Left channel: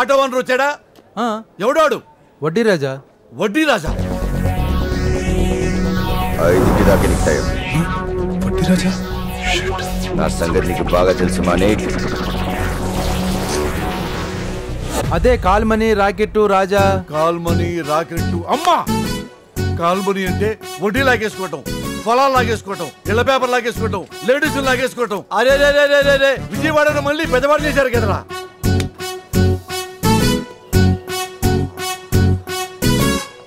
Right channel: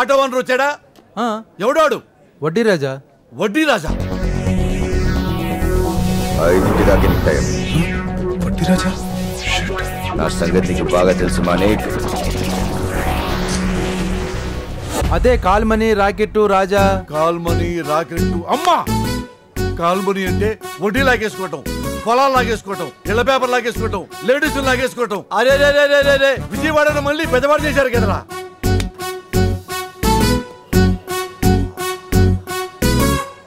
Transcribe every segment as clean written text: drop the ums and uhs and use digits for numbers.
Auto owner వచ్చాడా? ఎవడాడు? వడ్డీ రాజా. వడ్డీ రాజా 5 దాకా నీకు టైం. వడ్డీ రాజా నా సంగతి నీకు బాగా తెలుసు మానేక్. అదే call money racket Raja. Call money racket. అమ్మా, కాల్మనీ అంటే వడ్డీ లాగేసుకోవటం, పొలాలు లాగేసుకోవటం, ఇళ్ల పేపర్ లాగేసుకోవటం, లేడీస్ లాగేసుకోవటం. అరే విజయవాడను మళ్ళీ పెద్దవాడు చేశారు కదరా.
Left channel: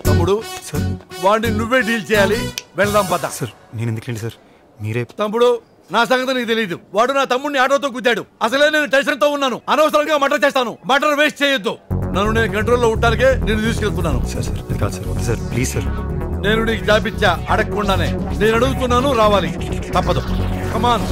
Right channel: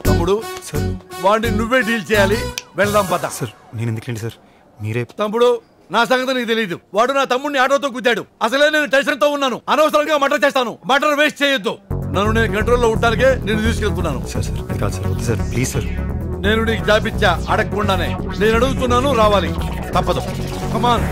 తమ్ముడు సార్, వాడిని నువ్వే డీల్ చేయాలి. వెళ్దాం పద. సార్ నేను ఎందుకండి సార్, మీరే. తమ్ముడు, నా సంగతి నీకు తెలియదు. వాడు నా తమ్ముడిని ఆటోతో గుద్దాడు. అసలే నేను టెన్షన్ తో ఉన్నాను. అనవసరంగా మర్డర్ చేస్తాను. మర్డర్ వేస్ట్ చేయొద్దు. నన్ను నేను కంట్రోల్లో ఉండటానికే నేను తీసుకెళ్తున్నాను. సార్ అది కాదు సార్, వద్దు సార్, ప్లీజ్ సార్. నేను నీకు జాబిచ్చా అడగకుండానే. నేను అడుగుతున్నాను, రావాలి. తప్పదు. కమాన్.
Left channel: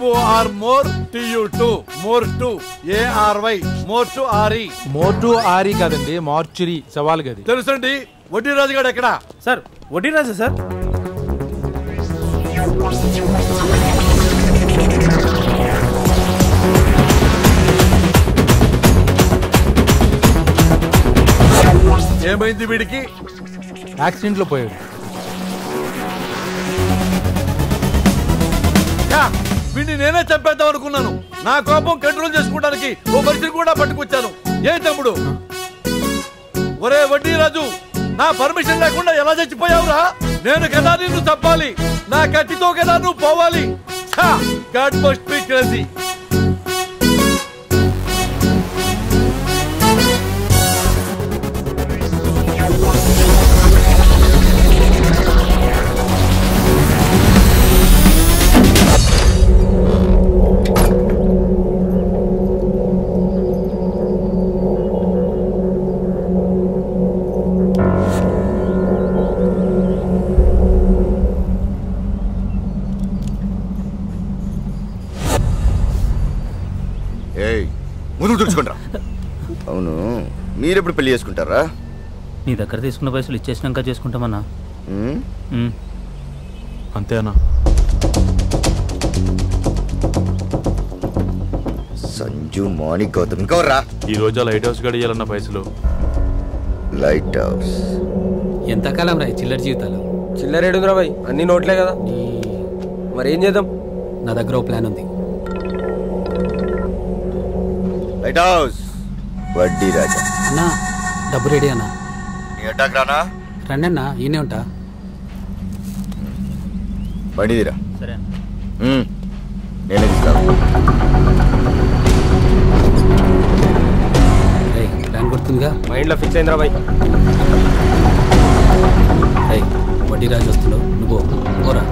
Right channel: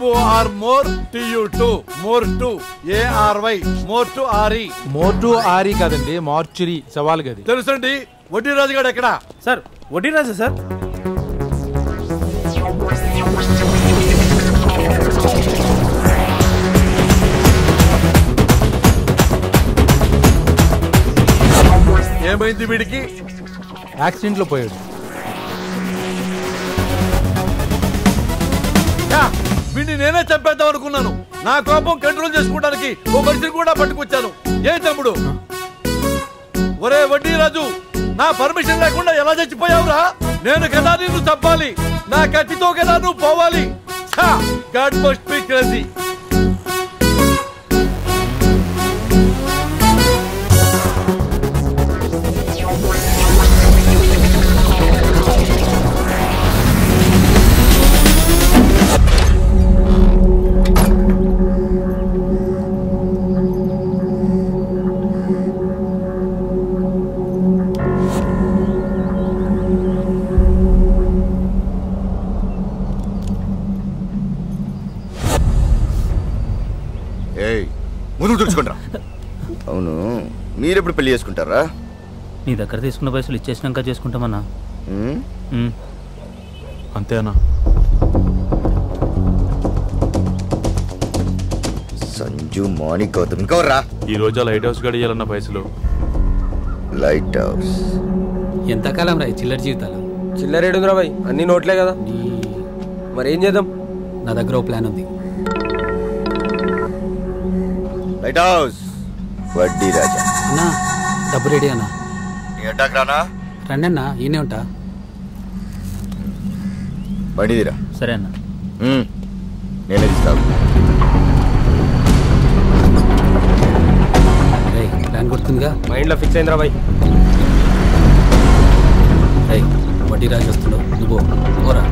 MOR more TU2 more 2 ARY more to RE. More to ఆరి కాదండి, మార్చురీ సవాల్ గది. తెలుసండి. వడ్డీ రాజు గారు ఎక్కడ? సార్ వడ్డీ రాజా సార్. ఏమైంది వీడికి? యాక్సిడెంట్ లో పోయాడు. వీడిని నేనే చంపేద్దాం అనుకున్నాను. నా కోపం కంట్రోల్ చేసుకోవడానికి ఓ మనిషిని కూడా పట్టుకొచ్చాను. ఏ తమ్ముడు? ఒరే వడ్డీ రాజు, నా పర్మిషన్ లేకుండా ఎలా చచ్చిపోయావురా? నేను కదా నిన్ను చంపాలి. నా కత్తితో కదా నువ్వు పోవాలి. God must be crazy. ముందు తుడుచుకుంటా. అవును, మీరెప్పుడు పెళ్లి చేసుకుంటారా? నీ దగ్గర తీసుకున్న పైసలు ఇచ్చేసినాక చేసుకుంటామన్నా. అంతేనా? సంజు, మార్నింగ్, గౌతమ్ ఇంకోరా. ఈ రోజు లైట్ హౌస్ గడియాలన్న పైసలు. లైట్ హౌస్ ఎంతకాలం రా చిల్లర జీవితాలు? చిల్లర ఏడుందిరా బాయ్, అన్ని నోట్లే కదా. మరి ఏం చేద్దాం? నా దగ్గర ఓ ప్లాన్ ఉంది. లైట్ హౌస్ వడ్డీ రాజా. అన్నా డబ్బు రెడీ అన్నా. నీ అడ్డాకి రానా? రండి అన్నా, ఈయనే ఉంటా. బండిదిరా. సరే అన్న. నేనే తీసుకురా. ప్లాన్ గుర్తుందిగా? మైండ్లో ఫిక్స్ అయిందిరా బాయ్. వడ్డీ రాజు వస్తున్నావు, నువ్వు పోరా.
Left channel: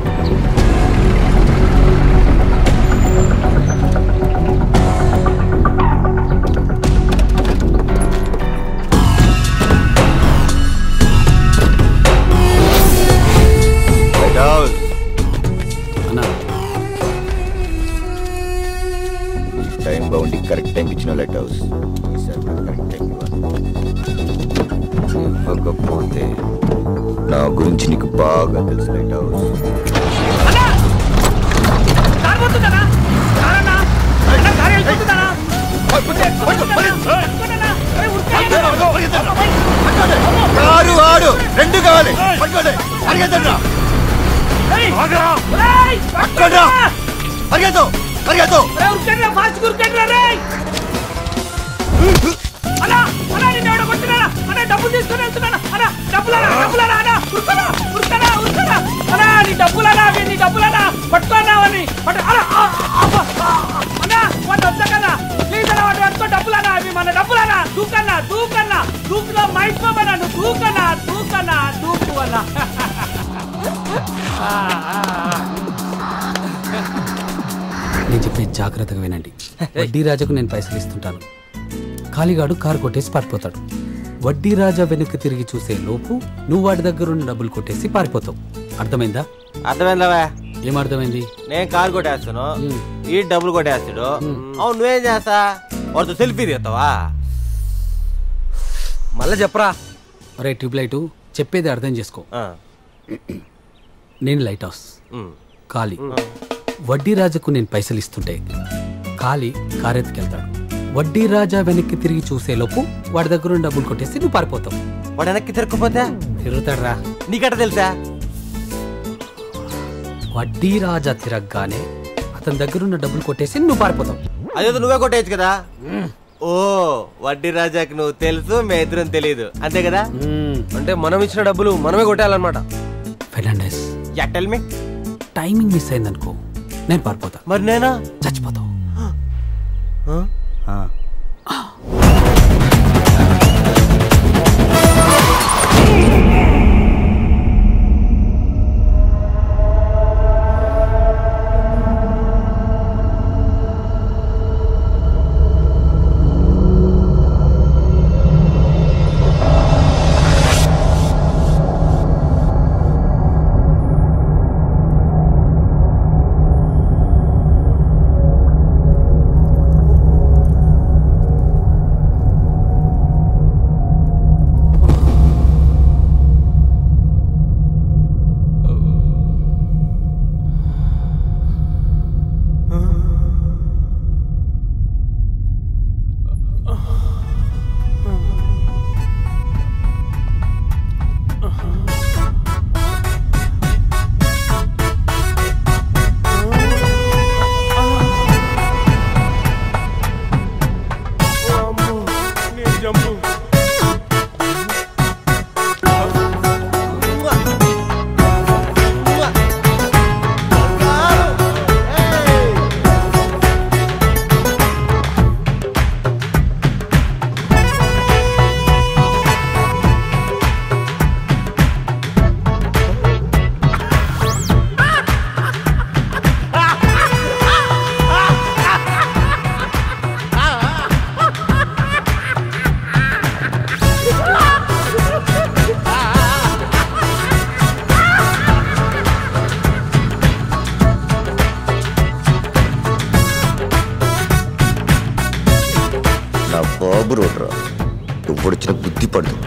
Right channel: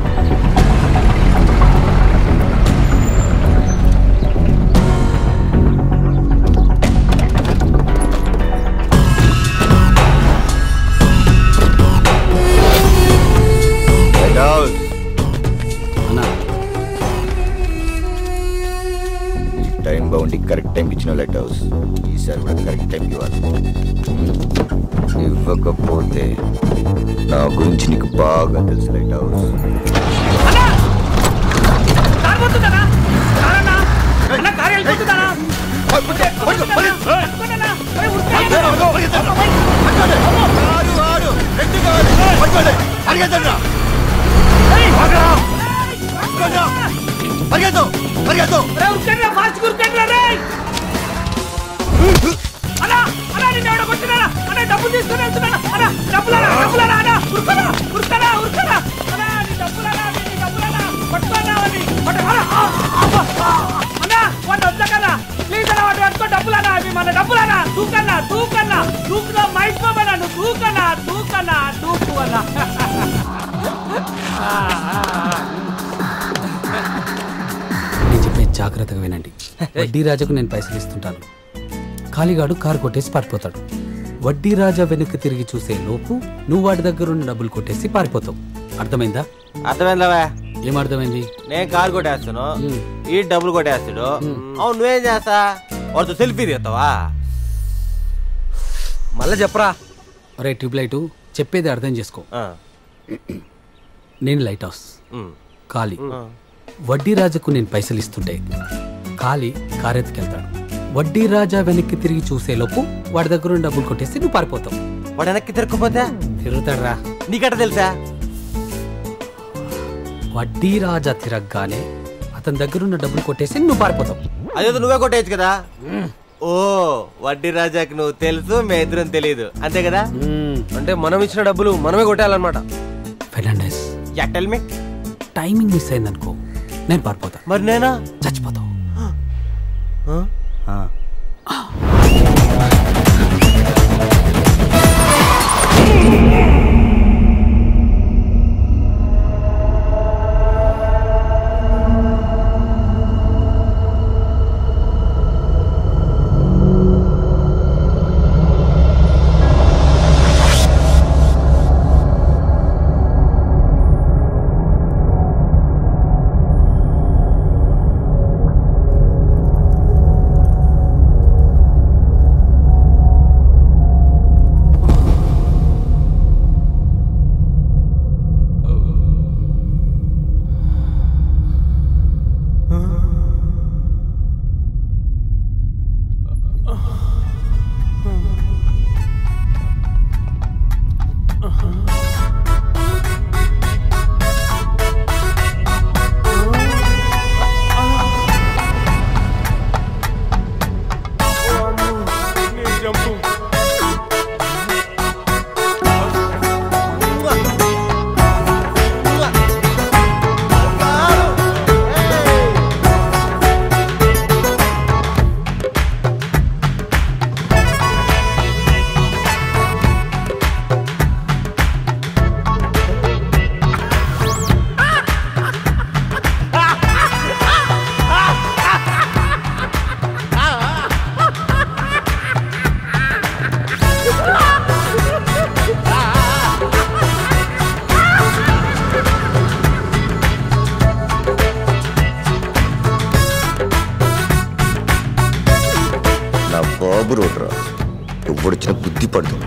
అన్నా, టైం బాగుండి కరెక్ట్ టైంకి ఇచ్చిన లైట్ హౌస్. ఈసారి కూడా కరెక్ట్ టైంకి ఇవ్వాలి. ఇవ్వకపోతే నా గురించి నీకు బాగా తెలుసు లైట్ హౌస్. రెండు కావాలి. డబ్బులు తీసుకుని వెళ్తున్నా. డబ్బులనా పట్టుకున్నావని ప్లీజ్ అన్న వాటి పట్టుకో. డబ్బులనా అవి మన డబ్బులనా. దూకులో మైపోమన్నా. నువ్వు దూకు అన్నా. నేను చెప్పే జాగ్రత్తగా వినండి. వడ్డీ రాజుకు నేను పైసలు ఇస్తుంటాను. ఖాళీగాడు కారు కొట్టేసి పడిపోతాడు. వడ్డీ రాజా వెనక్కి తిరిగి చూసే లోపు నువ్వు వాడి దగ్గర ఉన్న డబ్బులు కొట్టేసి పారిపోతావు. అర్థమైందా? అర్థమైందా? ఏమర్థమైంది? నేను కారు కొట్టేస్తాను, ఈ డబ్బులు కొట్టేస్తాడు. అవును నువ్వేం చేస్తా? వాడితో సెల్ఫీ తీస్తావా? మళ్ళీ చెప్పరా. అరే ట్యూబ్లైట్, చెప్పేది అర్థం చేసుకో. నేను లైట్ హౌస్, ఖాళీ. వడ్డీ రాజాకు నేను పైసలు ఇస్తుంటే ఖాళీ కారెత్తుకెళ్తాడు. వడ్డీ రాజా వెనక్కి తిరిగి చూసేలోపు వాడి దగ్గర ఉన్న డబ్బులు కొట్టేసి నువ్వు పారిపోతావు. వాడు వెనక్కి తిరగకపోతే తిరుగుతాడు రా. నీకట్ట తెలుసా? వడ్డీ రాజా తిరగగానే అతని దగ్గర ఉన్న డబ్బులు కొట్టేసి నువ్వు పారిపోతావు. అదేదో నువ్వే కొట్టేయచ్చు కదా. ఓ వడ్డీ రాజాకి నువ్వు తెలుసు, మే ఇద్దరం తెలియదు, అంతే కదా? అంటే మనం ఇచ్చిన డబ్బులు మనమే కొట్టాలన్నమాట. Fernandes, tell me. Timing miss అయిందనుకో నేను పారిపోతా. మరి నేనా? చచ్చిపోతావు. నా బాబు రోడ్రా, ఎప్పుడొచ్చిన బుద్ధి పడుతుంది.